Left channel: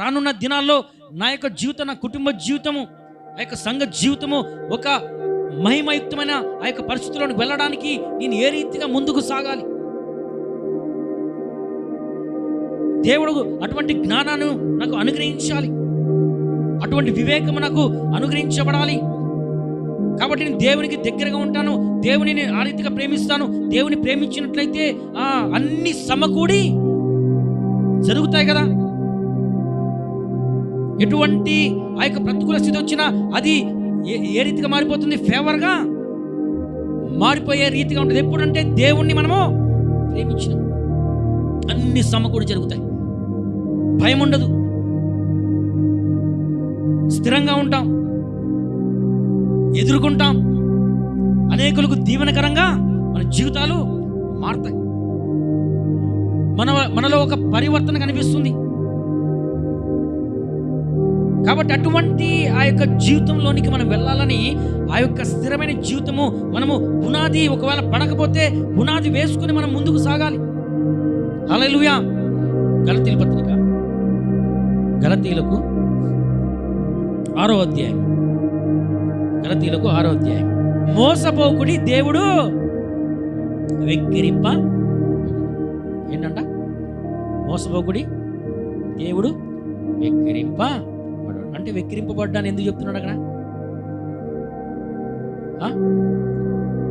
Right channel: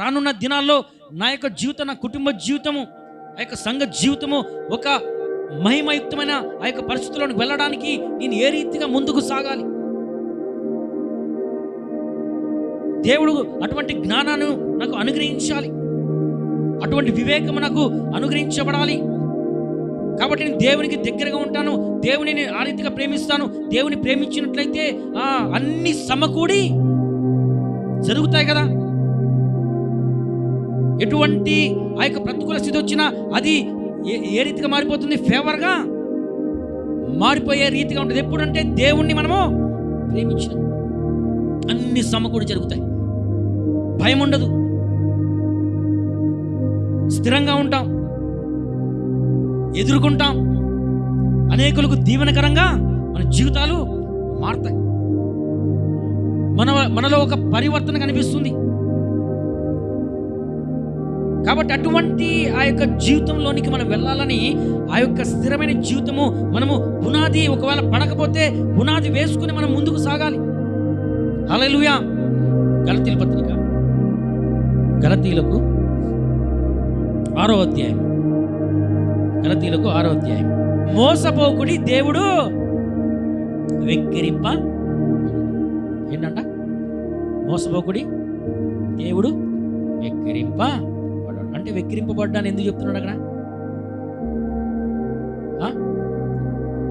రానున్న దినాల్లో నా యొక్క జీవితం, నా కుటుంబ జీవితము, ఆ యొక్క సంఘ జీవితము ఒక మహిమయుక్తమైన ఆ యొక్క పరిస్థితుల్లోకి వెళ్ళడానికి నేను ఏ రీతిగా ముందుకు సాగాలి? దేవుడు అటువంటి జ్ఞానాన్ని నాకు అనుగ్రహించాలి, అటువంటి వివేకము నాకు అనుగ్రహించబడాలి. కాబట్టి నేను దేవునికి దగ్గరగా ఉంటాను, దేవుని ఆ రీతిగా ప్రేమిస్తాను. దేవుని ప్రేమించినట్లయితే అన్ని సమకూడి జరుగుతాయి కదా. ఎటువంటి ఆ యొక్క ప్రతికూల స్థితి వచ్చినా అది ఏ రీతిగా మారిపోతుంది? ఫేవర్గా మారిపోయే రీతిగా ఉంటుంది. ఎప్పుడంటే దేవుణ్ణి మనము ప్రేమించిన అన్ని సమకూడి జరుగుతాయి. భయం ఉండదు, స్థిరంగా ఉంటాం, ఎదుర్కొంటాం. అనేకులకు దీవెనకరంగా మన జీవితాలు మారుతాయి. మనలో ఒక పరివర్తన కనిపిస్తుంది. కాబట్టి అటువంటి ఆ యొక్క జీవితంలోనికి మనం వెళ్ళాలని, ఆ యొక్క స్థిరమైన జీవితము మనము పునాది ఒకవేళ పడకపోతే పునాది వేసుకుని మనం ముందుకు సాగాలి. హల్లెలూయా. గలతీయుల పత్రిక, గలతీయులకు 6వ అధ్యాయం, గలతీయులకు 6వ అధ్యాయం. మోసపోకుడి, దేవుడు వెక్కిరింప. ఏంటంట? మోసపోకుడి, దేవుడు వెక్కిరింప. అంటే వెక్కిరింపబడ్డాను ఎందుకు చెప్తున్నాడు అక్కడ?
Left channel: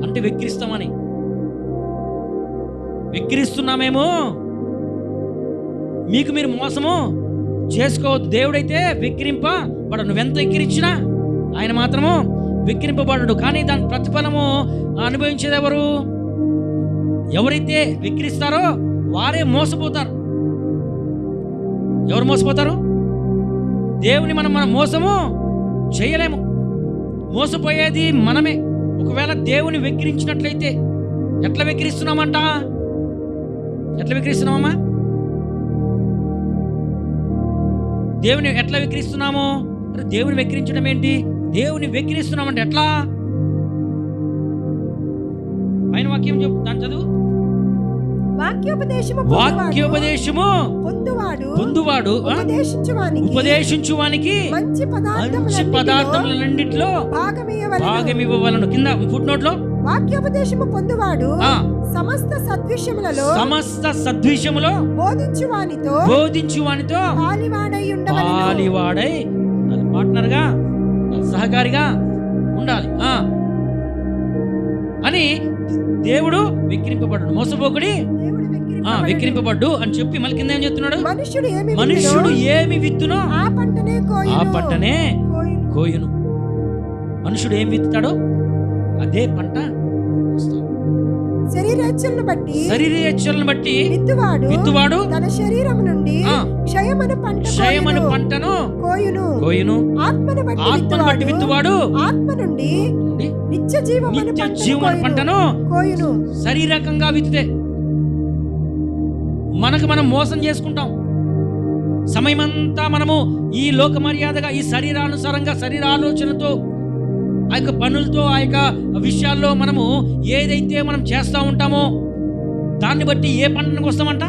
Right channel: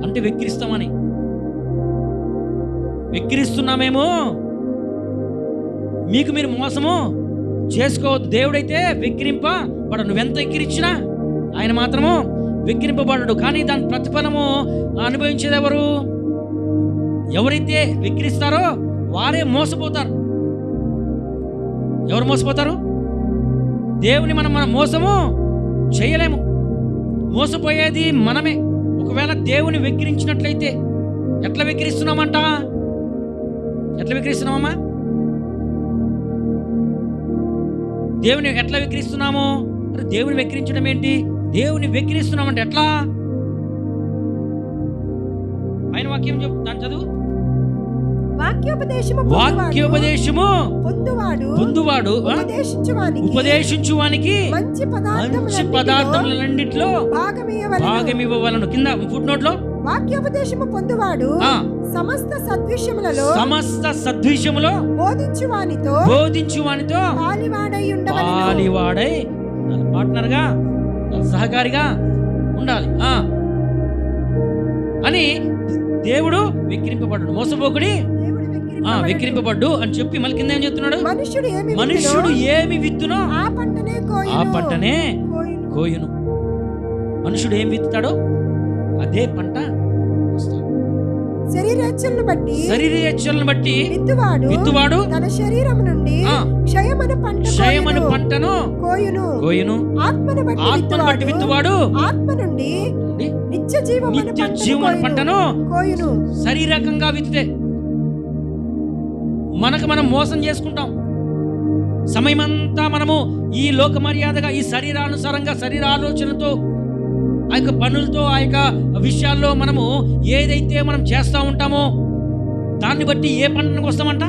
అంటే వెక్కిరిస్తామని. వెక్కిరిస్తున్నామేమో, మీకు మీరు మోసము చేసుకోవద్దు. దేవుడైతే వెక్కిరింపబడడు. నువ్వెంత వెక్కిరించినా ఆయన మాత్రము వెక్కిరింపబడడు. కానీ దాని ప్రతిఫలము అనుభవించేది ఎవరు? ఎవరైతే వెక్కిరిస్తారో వారే మోసపోతారు. ఎవరు మోసపోతారు? దేవుని మనం మోసము చేయలేము. మోసపోయేది మనమే. ఒకవేళ దేవుని వెక్కిరించినట్లయితే ఎట్లా వెక్కిరిస్తున్నామంట? ఎట్లా వెక్కిరిస్తున్నామమ్మా? దేవుని ఎట్లా వెక్కిరిస్తున్నాము? అరే దేవుని వెక్కిరించడం ఏంటి? దేవుని వెక్కిరిస్తున్నామంటే ఎట్లా? పైన వాక్యం దాని చదువు. వాక్యోపదేశము పొందువాడు ఉపదేశించువానికి మంచి పదార్థములన్నిటిలో భాగమివ్వవలెను. కింద ఫుట్ నోట్ లో వాక్యోపదేశము పొందువాడు సమస్త సద్విషయములో బోధించువానితో పాలివాడై ఉండాలి. పార్ట్నర్ గా, సహకారిగా ఉండాలి అని దేవుడు వెక్కిరింపబడ్డాడు. మోసపోకుడి, వెక్కిరింపబడ్డు అని చెప్పి మళ్ళీ కింద ఏం చెప్తున్నాడు? మనుష్యుడు ఏమి విత్తునో ఆ పంటనే కోయును. మనుషుడు ఏమి విత్తుతాడో అదే పంట వస్తాడు. శరీరేచ్ఛలను బట్టి విత్తువాడు తన శరీరము నుండి క్షయమను పంటను కోయును. ఆత్మను బట్టి విత్తువాడు ఆత్మ నుండి నిత్య జీవమను పంటను కోయును. శరీరకంగా విత్తితే మనకు మనం మోసం చేసుకుంటాం. సమయమంతా మనము ఈ లోక మర్యాదగా, ఈ శరీరానుసారంగా, శరీర ఆలోచనతో, ఆ యొక్క పనులతో, ఆ యొక్క విషయాల్లో మనము ఏదైతే మనం చేస్తూ ఉంటామో దాన్ని బట్టి ఏ పంటకు వస్తామంట?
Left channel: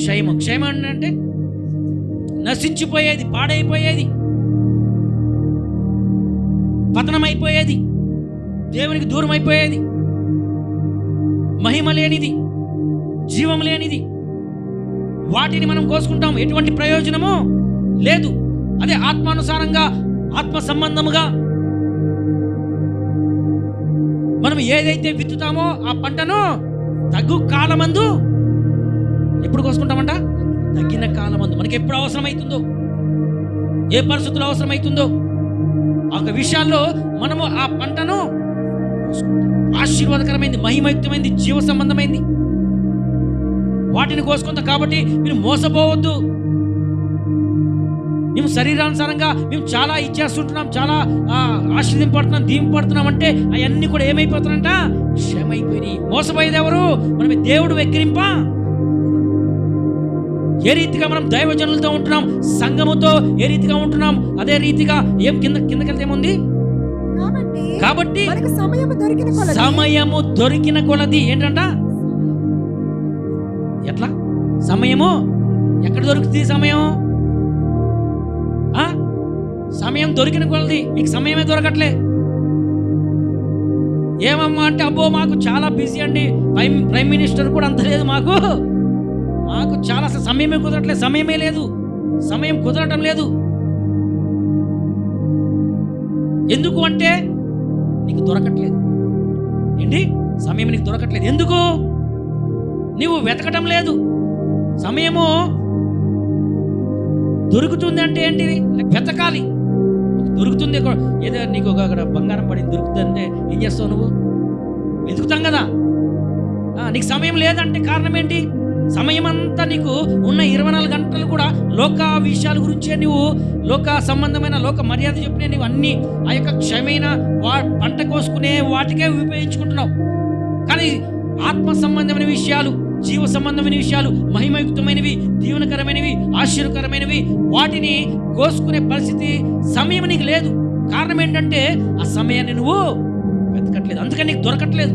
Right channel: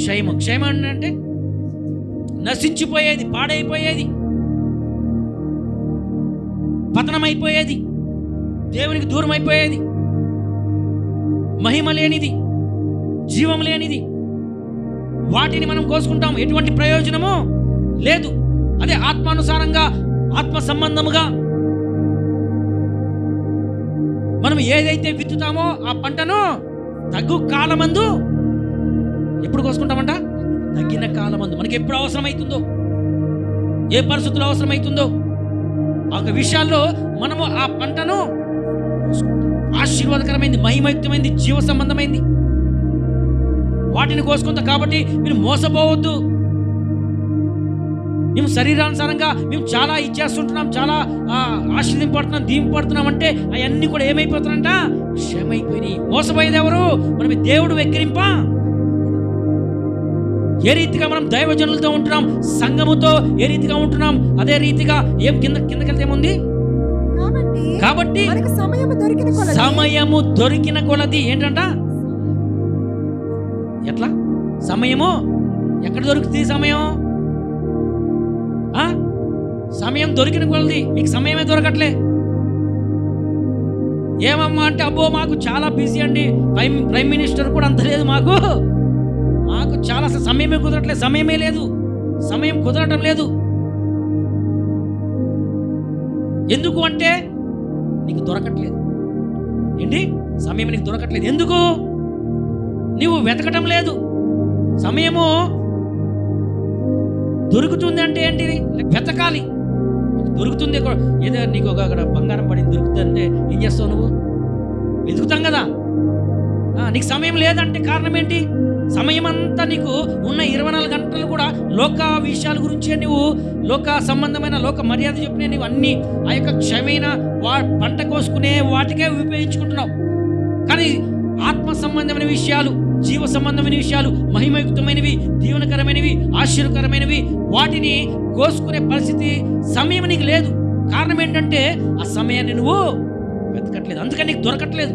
క్షయము. క్షయమ అంటే నశించిపోయేది, పాడైపోయేది, పతనమైపోయేది, దేవునికి దూరం అయిపోయేది, మహిమ లేనిది, జీవం లేనిది. వాటిని మనం కోసుకుంటాం. ఎటువంటి ప్రయోజనము లేదు. అదే ఆత్మానుసారంగా, ఆత్మ సంబంధముగా మనం ఏదైతే విత్తుతామో ఆ పంటను తగ్గు కాలమందు ఎప్పుడు కోసుకుంటామంట? తగ్గిన కాలమందు. మనకి ఎప్పుడు అవసరమవుతుందో, ఏ పరిస్థితుల్లో అవసరమవుతుందో ఆ విషయాల్లో మనము ఆ పంటను కోసుకుంటాం. ఆశీర్వాదకరమైంది, మహిమయుక్తమైంది, జీవ సంబంధమైంది వాటిని కోసుకుంటాం. కాబట్టి మీరు మోసపోవద్దు. మేము శరీరానుసారంగా మేము చాలా ఇచ్చేస్తుంటున్నాం, చాలా ఆశీర్దింపడుతున్నాం, దీంపడుతున్నాం అంటే అవన్నీ కూడా ఏమైపోతారంట? క్షమైపోయినాయి. మోసపోయేది ఎవరు? మనమే. దేవుడు వెక్కిరింప. ఏ రీతిగా మనం దైవజనులతో ఉంటున్నాం, సంఘముతో ఏ రీతిగా ఉంటున్నాం, అదే రీతిగా కిందకెళ్తే ఏముంది? కాబట్టి సమయము దొరికిన కొలది ఏంటంట? ఎట్లా సమయము ఎక్కడ దొరుకుతుంది? సమయం సమయం దొరికిన కొలది మీకు సమయమే దొరకట్లే. ఏమమ్మా అంటే, అబ్బో మాకు చాలా బిజీ అండి, ప్రైమ్ మినిస్టర్ కూడా అంత లేదు, మాకు చాలా అసలు సమయమే కుదరట్లేదు. సమయమే లేదు, సమయం కుదరటం లేదు. ఎందుకు అంటే నీకు దొరకట్లేదు. ఏంటి? సమయం నీకు దొరకట్లేదు. ఎందుకు? నీవు వెతకటం లేదు. సమయము దొరుకుతుంది అంటే ఏంటిది? వెతకాలి. దొరుకుతుంది, ఏదో నీకు అక్కడ బంగారం పడింది దొరుకుతుంది అంటే ఏం చేస్తావు? నువ్వు వెతుకుతాం కదా. నీకు సమయం లేదంటే కారణం ఏంటి? సమయం అంతా నీకు ఉన్న 24 గంటలు కూడా లోక విషయాల గురించే, నువ్వు లోక సంబంధమైన లోక మర్యాద చెప్పిన నువ్వు అన్ని ఆ యొక్క క్షమైన పంట కోసుకునే వాటికే ఉపయోగించుకుంటున్నావు. కానీ ఆత్మ సంబంధమైన విషయాలు, జీవ సంబంధమైన విషయాలు, మహిమయుక్తమైనవి, దీవెనకరమైనవి, ఆశీర్వకరమైనవి, వాటిని కోసుకునే పరిస్థితి సమయం నీకు లేదు. కారణం ఏంటంటే ఆ సమయాన్ని నువ్వు వెతకట్లేదు, అందుకని నీకు దొరకట్లేదు.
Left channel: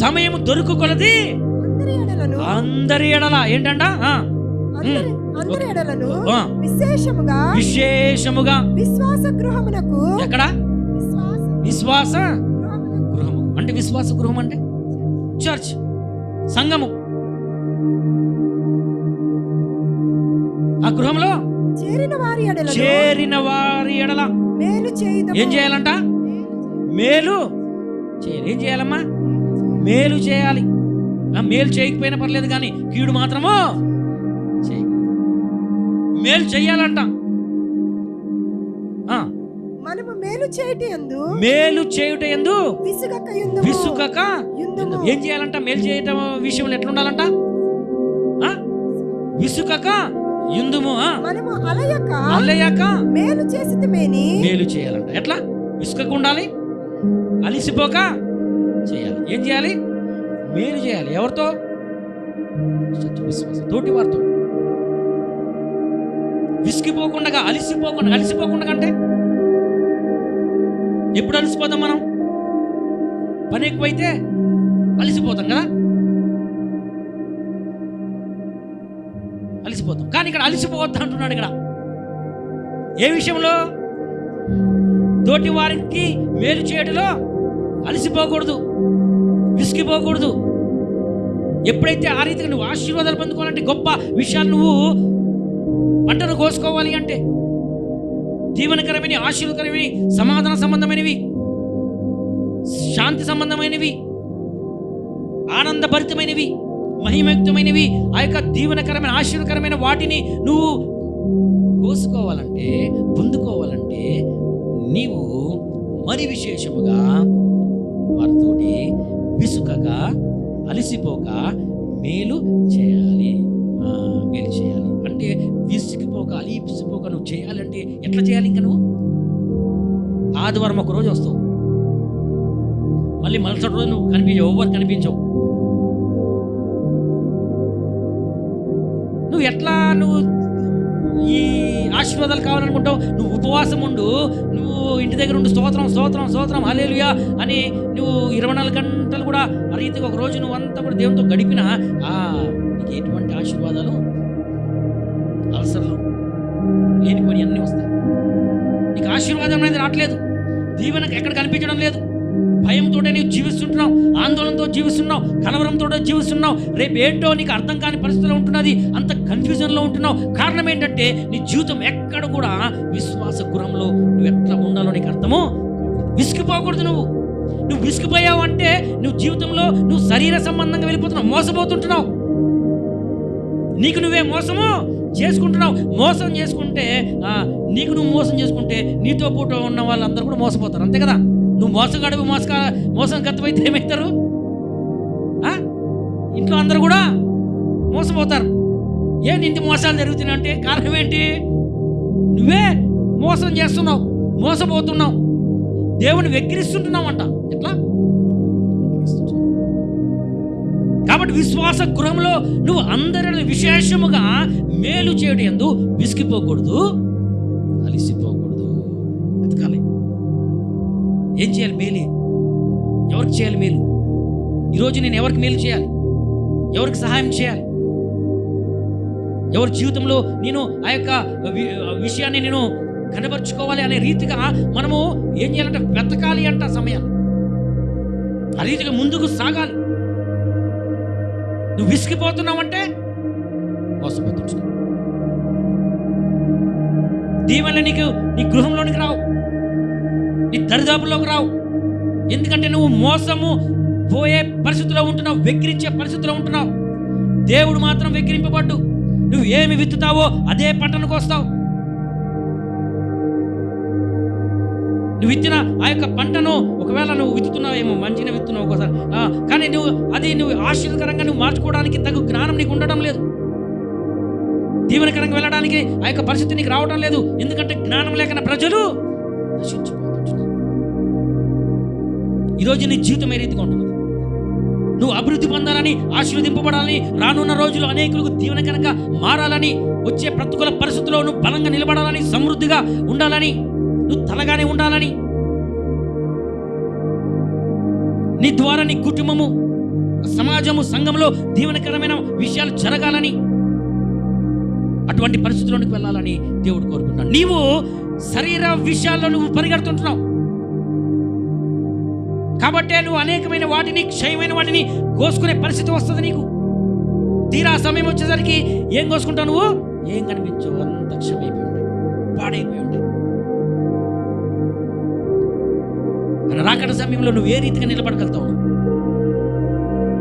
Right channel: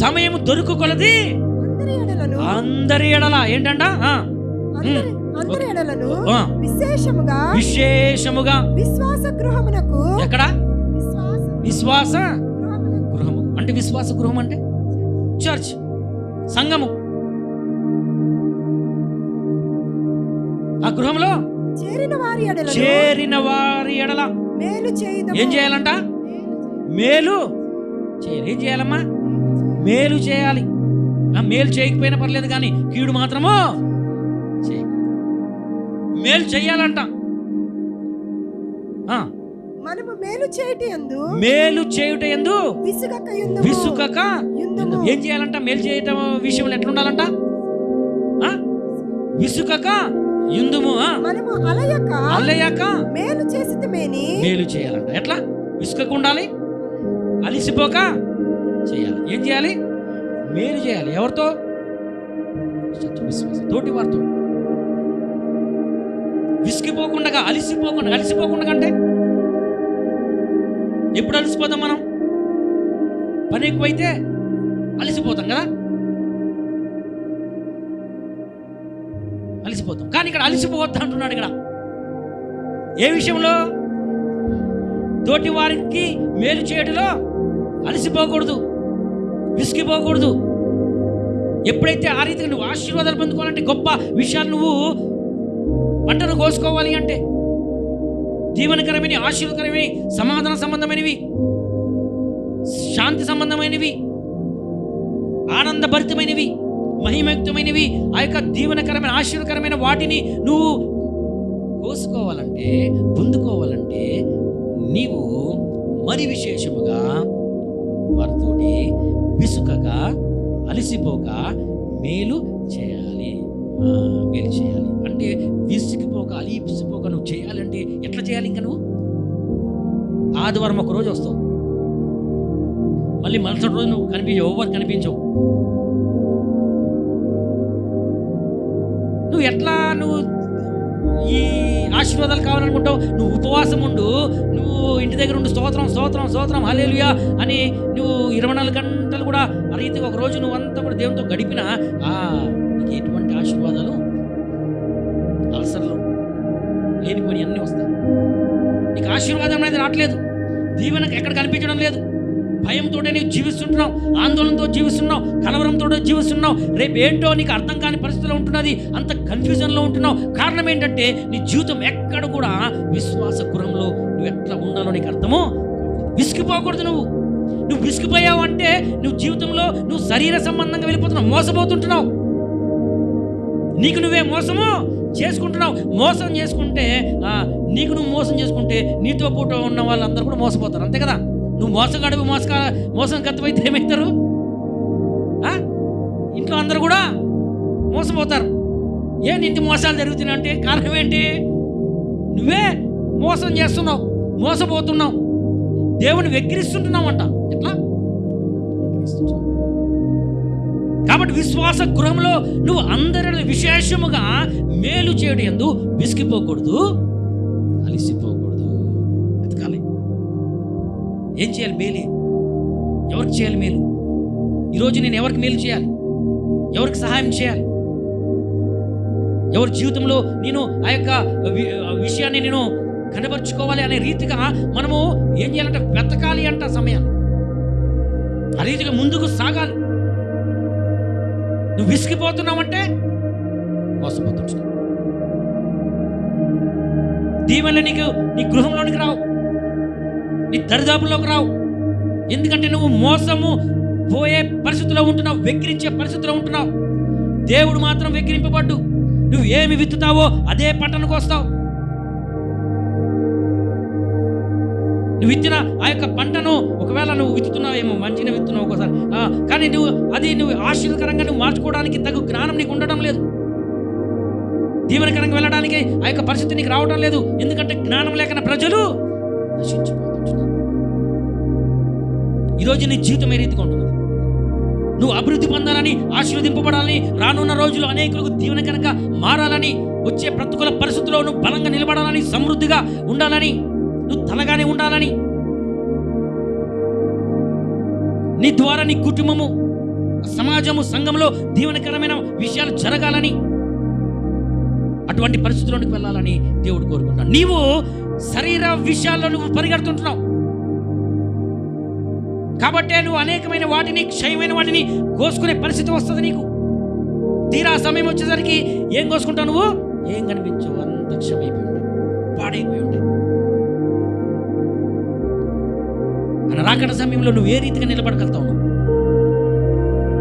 సమయము దొరుకు కొలది అందరి ఎడల ఏంటంట? విశేషముగా విశ్వాస గృహమునకు. ఎక్కడ? విశ్వాస గృహము అంటే, విశ్వాస గృహం అంటే చర్చ్, సంఘము. ఆ గృహంలో చేరిన వారి ఎడల ఏం చేయాలంట? మేలు చేయాలి. ఏం చేయాలమ్మా? మేలు చేయాలి. మేలు చేయకపోయినా పర్లేదు, కానీ కీడు మాత్రము చేయకూడదు. మేలు చేయాలంట. మనము మేలు చేయుట యందు విసుగక ఏం చేయాలంట? మేలు చేయటం విషయంలో ఎట్లా ఉండాలంట? విసుగక యుందుము. మనము అలయక మేలు చేయాలంట. ఎట్లా? విసుగక ఉండాలి, అలిసిపోక చేయాలి. ఏం చేయాలి? మేలు చేయాలి. ఎవరితో? విశ్వాసం, తోటి వారితో. విసిగిపోకుండా, అలిసిపోకుండా అంటే ఎప్పుడు అలసిపోతాం మనం? పని ఎక్కువైతే అలసిపోతాం కదా, అలసిపోతాం. కానీ ఇక్కడ అలసిపోవద్దు అంటున్నాడు. ఇక్కడ ఏ విషయంలో? తోటి వారికి మేలు చేయడంలో అలసిపోకూడదు, విసిగిపోకూడదు. ఎప్పుడైతే ఆ రీతిగా నువ్వు ఆశీర్వాదాలు పొందుకోవాలంటే, గొప్ప విషయాలు నువ్వు పంటను కోసుకోవాలి అంటే, దీవెనకరమైన, ఆశీర్వకరమైనవి, సమాధాన సంబంధమైనవి, శాంతి సంబంధమైనవి, ఆనందభరితమైనవి, మహిమయుక్తమైనవి, ఆ యొక్క దీవెనకరమైన, ఆశీర్వకరమైన వాటిని నువ్వు కోసుకోవాలంటే, పొందుకోవాలంటే, నీవు మరి విశేషముగా వారితోటి విసుకక, అలిసిపోక మేలు చేయాలి. మేలు చేయాలి అంటే విసిగిపోక, అలిసిపోక నువ్వు చేయాలంటే ఎట్లా చేయాలి? ఇంకా నువ్వు ఆదివారం ఒక రోజు వస్తావు, మళ్ళీ మరుసటి రోజు నువ్వు ఎవరు కనిపించవు. నువ్వు ఎట్లా నువ్వు ఈ ఆశీర్వాదాలు కావాలనుకుంటావు? నువ్వు ఉపవాసం ఉండు, నువ్వు ఇంటి దగ్గర ఉండు, స్తోత్రం స్తోత్రం స్తోత్రం హల్లెలూయా అని నువ్వు 24 గంటలు కూడా ఆ రీతిగా ఒక రోజు నువ్వంతా కూడా దేవునితో గడిపినా నీకు ఎటువంటి ఆశీర్వాదాలు, అల్సర్లు, లేనిపోయి అన్నీ వస్తాయి. నీకు ఆశీర్వాదం అనేది రావట్లేదు, దీవెన ఎక్కడ కనిపించడం లేదు. భయంతో నీవు జీవిస్తుంటున్నావు, ఆందోళనతో జీవిస్తున్నావు, కలవరంతో జీవిస్తున్నావు. రేపు ఏంటో నీకు అర్థం కాని పరిస్థితిలో ఉంటున్నది, అంత కన్ఫ్యూజన్లో ఉంటున్నావు. కారణం ఏంటంటే నీ జీవితం ఎక్కడ కూడా విశ్వాస గృహంలో నువ్వు ఎట్లా ఉండాలో నీకు అర్థమో. విసిగిపోకూడదు. నువ్వు విసిగిపోయావు అంటే నువ్వు జీవితంలో నువ్వు శరీర సంబంధంగా వెళ్ళిపోతున్నావు, మోసపోతుంటున్నావు, నీకు నువ్వే మోసము చేసుకుంటున్నావు. మోసం చేసుకుంటే నీకు నువ్వు మోసం చేసుకుంటే నీతో పూట ఉన్న వాళ్ళందరూ కూడా మోసపోతారు, అంతే కదా. నువ్వు మోసగాడు, మోసం గతమైతే ఏమవుతారు? ఇంట్లో అందరూ కూడా మోసపోతారు. ఇంత మోసాలు జరుగుతున్నాయి అంటే కారణం ఏంటి? నువ్వే మోసం చేస్తున్నావు, మోసపోతున్నావు, దేవుని వెక్కిరిస్తుంటున్నావు అంట. ఎట్లా? కాబట్టి విశ్వాస గృహంలో నువ్వు అందరి విశేషముగా మేలు చేయడం యందు విసిగిపోకూడదు, అలిసిపోకూడదు, వెతకాలి. ఏం చేయాలి? మేలు. ఎవరికి చేయాలి మేలు? ఈరోజు నేను ఎవరికి మేలు చేయాలి? ఎవరికి సహాయం చేయాలి? ఎవరి జీవితంలో నేను ఆ యొక్క విషయాన్ని నేను కనబరుచుకోవాలి అనే రీతిగా మనము ఏం చేయాలంటే వెతకాలి అంట సమయాన్ని. ఆ రీతిగా ముందుకు సాగాలి. నువ్వు విసిగిపోతున్నావంటే మోసపోతున్నావు. దీవెనలు నీకు నీ గృహంలోనికి రావు, నీ దరిదాపుల్లోకి రావు. ఎందుకంటే నువ్వు మోసము పోయే పరిస్థితిలో ఉంటున్నావు, వెక్కిరించే పరిస్థితిలో ఉంటున్నావు. దేవుడు మాత్రం వెక్కిరింపబడ్డు. నువ్వు ఏమి విత్తుతావో అదే పంటను కోస్తావు. నువ్వు విత్తిన ఆ యొక్క పంటను ఒకవేళ నువ్వు విత్తుతున్నావేమో, మంచిగా విత్తున్నావు ఒకసారి, కానీ నువ్వు ఆశీర్వదకరంగా నువ్వు మార్చుకోవడానికి తగు జ్ఞానం నీకు ఉండడం లేదు. దీవెనకరంగా వెళ్ళడానికి ఆ యొక్క పరిస్థితి నీకు రావడం లేదు. ఎందుకంటే జ్ఞానం లేకన ప్రజలు నశించిపోతుంటున్నారు. ఈరోజు నీ జీవితం ఏ రీతిగా ఉంటున్నది? నువ్వు అభివృద్ధి పొందాలని, ఆశీర్వదింపబడాలని, రానున్న రోజులు అనేకులకు దీవెనకరంగా మారాలని, వచ్చే ప్రతికూల పరిస్థితుల్లో నువ్వు బలంగా నిలబడాలని, సమృద్ధిగా ఉండాలని, నువ్వు తలగానే ఉండాలని, నీ ద్వారా నీ కుటుంబము, సమాజము, సంఘంలో దీవెనకరమైన విషయాలు జరగాలని, అటువంటి పరిస్థితుల్లోనికి వెళ్ళాలని దేవుడు కోరుకుంటున్నాడు. నీవు శరీర విషయాల్లో నువ్వు పరిగెడుతుంటున్నావు కాబట్టే నువ్వు అనేకమైన వాటిని, క్షయమైన వాటిని కోసుకునే పరిస్థితి వస్తుంది నీకు. తీరా సమయం వచ్చేసరికి ఏం కోసుకుంటావు? నువ్వు ఏం కనిపించవు, అంత క్షమైపోయి ఉంటాయి, పాడైపోయి ఉంటాయి. అని రాకడ సమయంలో నువ్వు ఏ రీతిగా నిలబడగలుగుతావు? నువ్వు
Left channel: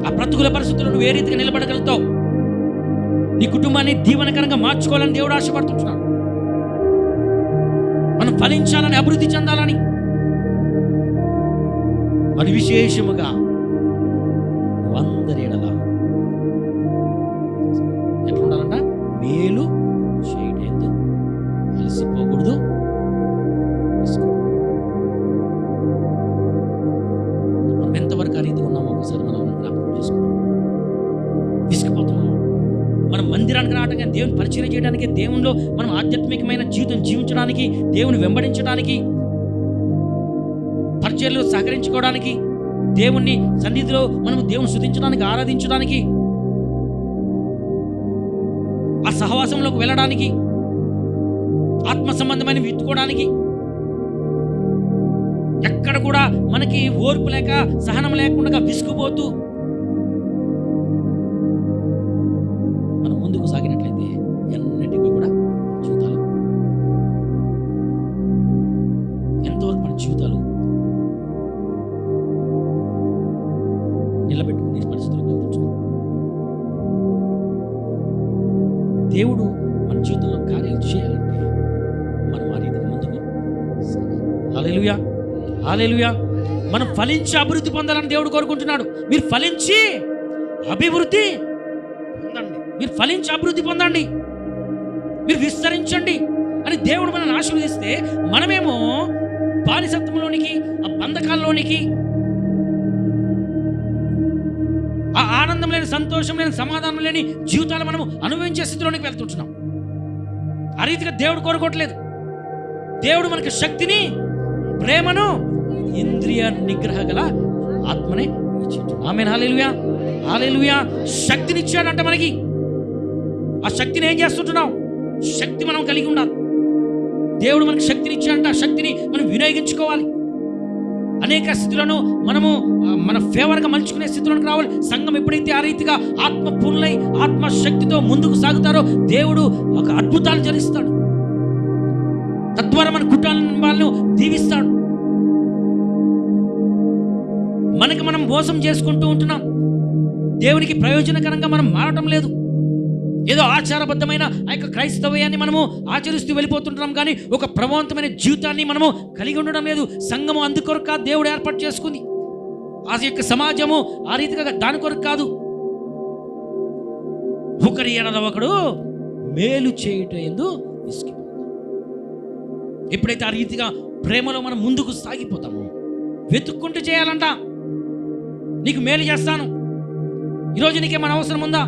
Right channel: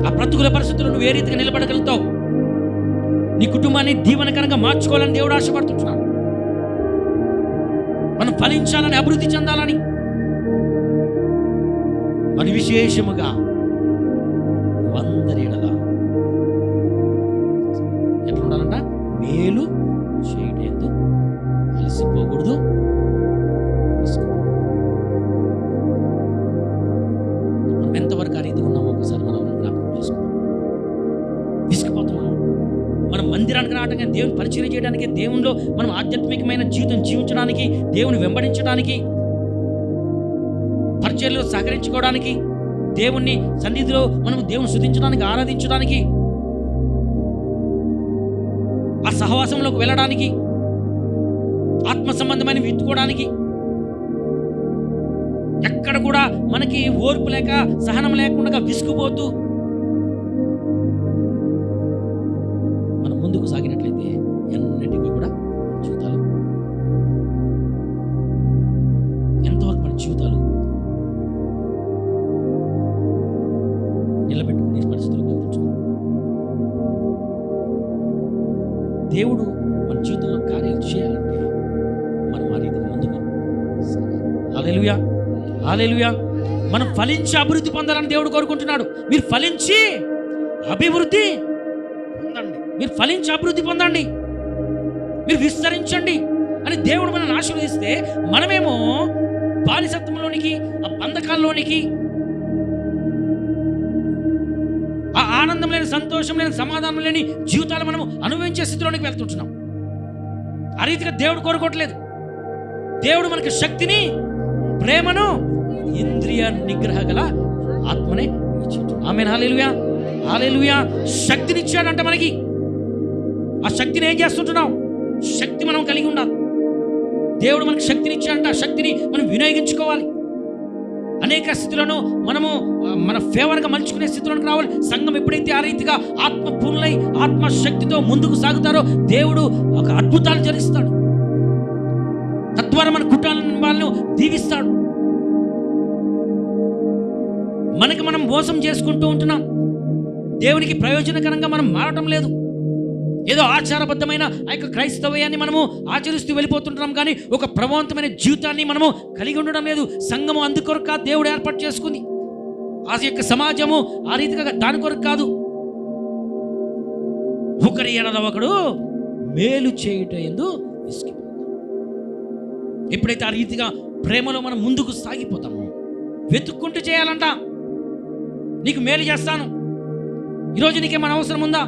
ఆ ప్రతికూల పరిస్థితుల్లో నువ్వు ఏ రీతిగా నిలబడగలుగుతావు? నీ కుటుంబాన్ని దీవెనకరంగా మార్చుకోవాలని దేవుడు ఆశపడుతుంటున్నాడు. మనం ఫలించాలని, అభివృద్ధి చెందాలని, మరి విశేషముగా నువ్వు అందరి ఎడల ఎట్లుండాలంట? మేలు చేయటందు అలసిపోకూడదు, మనం ఎంతవరకు ఆ రీతిగా ఉన్నామో ఒకసారి మనం జ్ఞాపకం చేసుకుందాం. విసిగిపోతున్నామా? మనం మందిరానికి రావడానికి, దేవుని పరిచయం చేయడానికి, దేవునిలో మనం ఆధ్యాత్మికమైన జీవితం జీవించడానికి, దేవుని వెంబడించడానికి, పరిచర్యలో సహకరించుకోవడానికి, దేవుణ్ణి సన్నిధిలో మనం దేవుని స్తుతించడానికి, ఆరాధించడానికి, ఆ సహవాసంలోకి వెళ్ళడానికి, ఆత్మ సంబంధమైన విత్తుకోవడానికి, ఎక్కడ కూడా మనకి ఓర్పు లేక, సహనం లేకుండా విసుగుపోతూ మనం ముందుకు సాగినట్లయితే ఎన్నిటికీ కూడా జీవితాలు, ఎంతవరకు మన జీవితాలు నిలబెట్టుకునే పరిస్థితులకు వెళ్తుంటున్నాం. దేవుడు మన జీవితంలో కార్యాలు చేయాలంటే మనం ఆ రీతిగా ముందుకు హల్లెలూయా, హల్లెలూయా. మనం ఫలించి అభివృద్ధి పొందాలని దేవుడు కోరుకుంటున్నాడు. మీరు ఫలించి అభివృద్ధి పొందండి, మీరు ఫలించి అభివృద్ధి పొందండి, మీరు విస్తరించండి అని దేవుడు మనల్ని ఆశీర్వదిస్తే, మనమేమో బానిసత్వంలోనికి, ఆ బంధకాల్లోనికి, ఆ ఆనందం లేని, సంతోషం లేని, సమాధానం లేని జీవితాలు మనము అనుభవించే స్థితిలోనికి వెళ్తుంటున్నాం. ఆ రీతిగా దేవుడు కోరుకోవట్లేదు. దేవుడు మనకి శక్తిని, ప్రేమను, ఇంద్రియ నిగ్రహ గల ఆత్మనే ఇచ్చింటున్నాడు. ఆమేన్, హల్లెలూయా, హల్లెలూయా. శక్తినిచ్చాడంట మనకి. ఆ శక్తిని ఏం చేస్తుంటున్నాం? శక్తి మనం కలిగి ఉండాలి. దేవుడు మనకి శక్తినిచ్చాడంట. ఆ శక్తిని మనం వినియోగించుకోవాలి. అనేక స్థితులను మనము మన ఫేవర్గా మలుచుకునే స్థితిలోకి రావాలి. సంఘం ఎప్పుడైతే ఆ రీతిగా ఆత్మ పూర్ణులై ఆత్మశక్తితో ముందుకు సాగుతారో దేవుడు ఒక అద్భుతాలు జరిగిస్తాడు. తద్వారా మన కుటుంబాలను దీవిస్తాడు. మనకి మనం మోసం చేసుకుంటూ ఉంటున్నాం. దేవునికి ప్రయోజనకరంగా మనం మారటం లేదు. ఏదో ఆచారబద్ధమైన ఆ యొక్క క్రైస్తవ్యాన్ని మనము ఆచరిస్తూ వెళ్ళిపోతుంటున్నాం, కానీ ఒక ప్రభావవంతమైన జీవితాన్ని మనము కలిగి ఉండడం లేదు. సంఘము అందుకొరకు దేవుడు ఏర్పాటు చేసుకుంది. ఆ యొక్క సమాజము ఆ రీతిగా దాని కొరకు కాదు. ఒకరి ఎడల ఒకడు మేలు చేయుట యందు విసిగిపోక. ఎప్పుడైతే ఆ రీతిగా ప్రేమలో మనం ముందుకు సాగిపోతామో, వెతుక్కుంటూ చేయాలంట. నీకు మేలు చేస్తాను. ఈరోజు నీకేమైనా అవసరం ఉందా?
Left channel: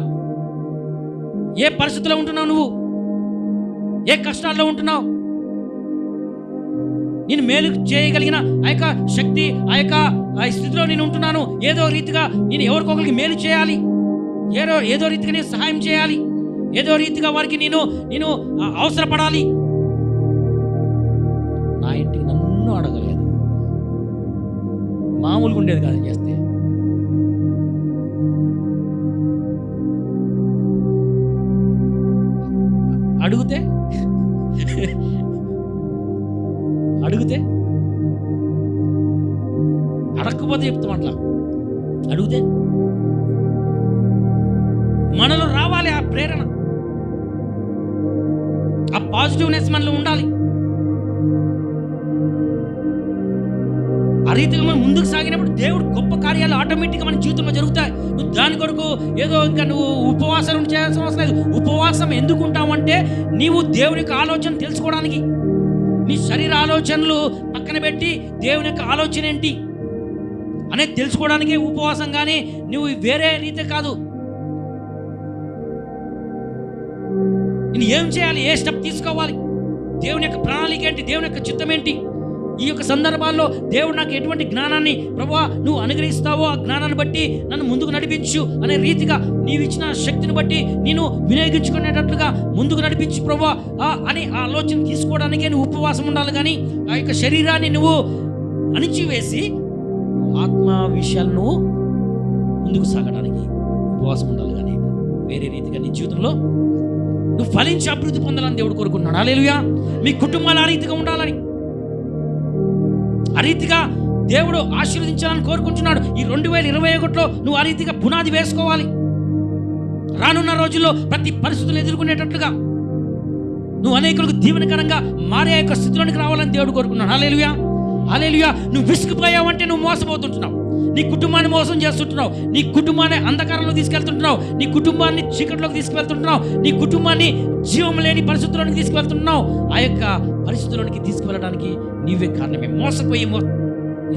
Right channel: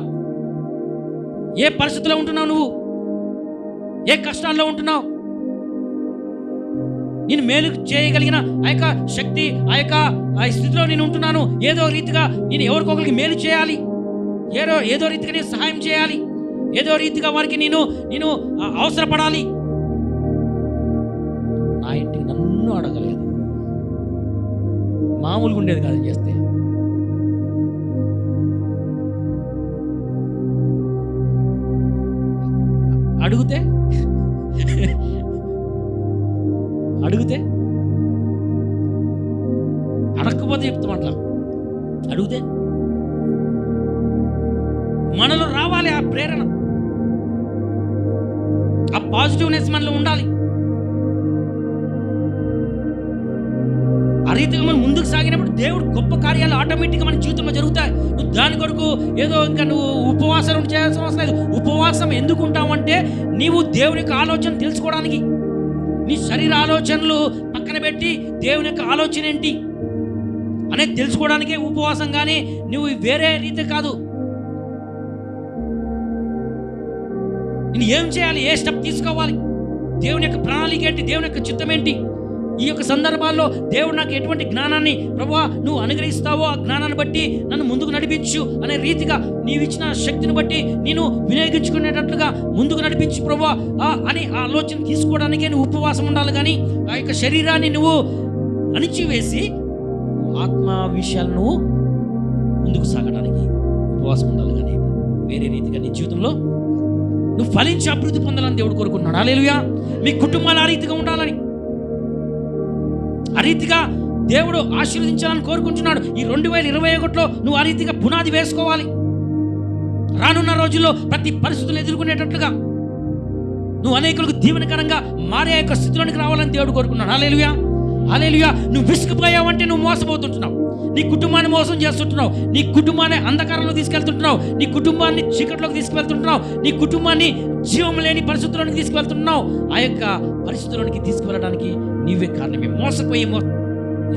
ఏ పరిస్థితిలో ఉంటున్నావు? నువ్వు ఏ కష్టాల్లో ఉంటున్నావు? నేను మేలు చేయగలిగిన ఆ యొక్క శక్తి, ఆ యొక్క స్థితిలో నేను ఉంటున్నాను. ఏదో రీతిగా నేను ఎవరికొకరికి మేలు చేయాలి, ఏదో రీతిగా నేను సహాయం చేయాలి. ఏదో రీతిగా వారికి నేను అవసరపడాలి. నా ఇంటికి నన్ను అడగలేదు, మామూలుగా ఉండేది కాదు చేస్తే. అడిగితే అడగకపోతే చెప్తాం. అట్లా అడిగితే మనలో రావాలి ఆ ప్రేరణ, ఆ పాజిటివ్నెస్ మనలో ఉండాలి. ఆ రీతిగా మనం ముందుకు సాగినప్పుడు దేవుడు గొప్ప కార్యాలు ఆటోమేటిక్గా మన జీవితంలో జరుగుతాయి. నువ్వు దాని కొరకు ఏదో ఇంకా నువ్వు ఉపవాసాలు చేయాల్సిన అవసరం లేదు. ఉపవాసం ఎందుకు ఉంటావంటే నీవు దేవుని యొక్క ఆలోచన తెలుసుకోవడానికి. నీ శరీర ఆలోచనలు పక్కన పెట్టి దేవుని యొక్క ఆలోచన ఏంటి అనేది తెలుసుకోవడానికే ఉపవాసం, కానీ నువ్వు వేరే రీతి కాదు. నేను ఏం చేయాలి, ఏ స్టెప్ తీసుకోవాలి, దేవుని యొక్క ప్రణాళిక ఏంటి, దేవుని యొక్క చిత్తం ఏంటి, ఈ యొక్క సందర్భాల్లో దేవుడు నాకు ఎటువంటి జ్ఞానాన్ని ప్రభువా నువ్వు అనుగ్రహిస్తావో ఆ జ్ఞానాన్ని బట్టి నన్ను ముందుకు నడిపించు అనే రీతిగా నీవు ఇచ్చిన శక్తిని బట్టి నేను వినియోగించుకునేటట్లుగా ముందుకు నడిపించు ప్రభువా అని ఆలోచన తీసుకోవడానికే నువ్వు ఉపవాసం ఉండాలి. కానీ ఆ యొక్క శరీరాన్ని నువ్వు అణిచివేసి ఆత్మ విషయాలు నువ్వు ముందుకు సాగడానికి ఉపవాసం ఉండాలి. కానీ వేరే రీతిగా నీ జీవితంలో నువ్వు ఫలించి అభివృద్ధి పొందాలని దేవుడు కోరుకుంటున్నాడు. హల్లెలూయా. మీ కుటుంబాలు ఆ రీతిగా ఉండాలని, ఆ రీతిగా దేవుడు ఆశీర్వదించాలని కోరుకుంటున్నాడు. ఈ 2021లో నువ్వు ఆ రీతిగా పునాది వేసుకోవాలి. రానున్న రోజుల్లో ప్రతి పరిస్థితులను ఎదుర్కొనేటట్లుగా నువ్వు అనేకులకు దీవెనకరంగా మారే యొక్క స్థితిలోనికి రావాలని దేవుడు కోరుకున్నాడు. హల్లెలూయా, హల్లెలూయా. నువ్వు విసిగిపోయావంటే నువ్వు మోసపోతుంటున్నావు, నీ కుటుంబాన్ని మోసం చేస్తుంటున్నావు, నీ కుటుంబాన్ని అంధకారంలో తీసుకెళ్తుంటున్నావు, నీ కుటుంబాన్ని చీకట్లోకి తీసుకువెళ్తుంటున్నావు, నీ కుటుంబాన్ని జీవం లేని పరిస్థితుల్లోనికి తీసుకువెళ్తున్నావు. ఆ యొక్క పరిస్థితుల్లోనికి తీసుకువెళ్ళడానికి నీవే కారణమే. మోసపోయి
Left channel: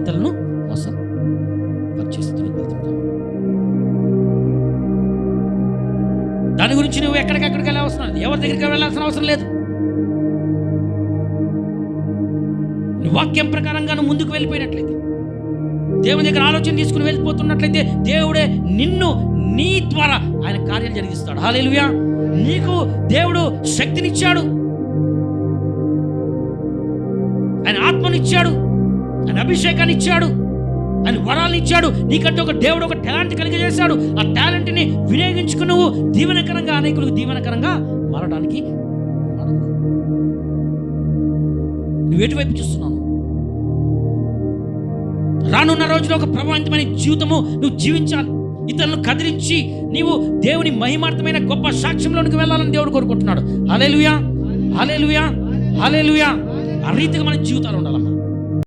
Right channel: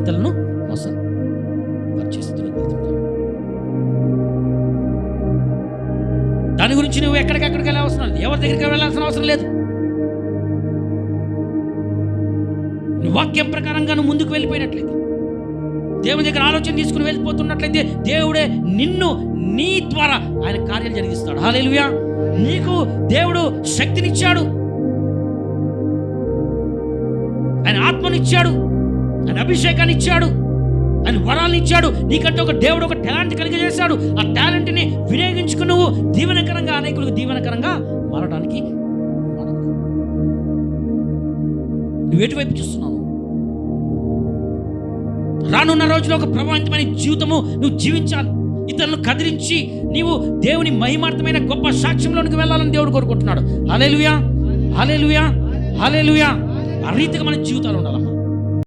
ఇతరులను మోసపరిచే స్థితిలోకి వెళ్తుంటావు. దాని గురించి నువ్వు ఎక్కడికెక్కడికి వెళ్ళాల్సిన లేదు, ఎవరి దగ్గరికి వెళ్ళాల్సిన అవసరం లేదు. నువ్వు వాక్యం ప్రకారంగా నువ్వు ముందుకు వెళ్ళిపోయినట్లయితే, దేవుని దగ్గర ఆలోచన తీసుకుని వెళ్ళిపోతున్నట్లయితే దేవుడే నీ ద్వారా ఆయన కార్యాలు జరిగిస్తాడు. హల్లెలూయా. నీకు దేవుడు శక్తినిచ్చాడు, ఆయన ఆత్మనిచ్చాడు, ఆయన అభిషేకాన్ని ఇచ్చాడు, ఆయన వరాలను ఇచ్చాడు. నీకంటే దేవుడు ఒక టాలెంట్ కలిగజేశాడు. ఆ టాలెంట్ని వినియోగించుకుని నువ్వు దీవెనకరంగా అనేకులకు దీవెనకరంగా మారడానికి వాడకు. నువ్వు ఎటువైపు చూస్తున్నావు? రానున్న రోజులో ఒక ప్రభావితమైన జీవితము నువ్వు జీవించాలి. ఇతరులను కదిలించి నీవు దేవుని మహిమార్థమైన గొప్ప సాక్ష్యంలోనికి వెళ్ళాలని దేవుడు కోరుకుంటున్నాడు. హల్లెలూయా, హల్లెలూయా, హల్లెలూయా. ఆ రీతిగా మన జీవితాలు ఉండాలమ్మా.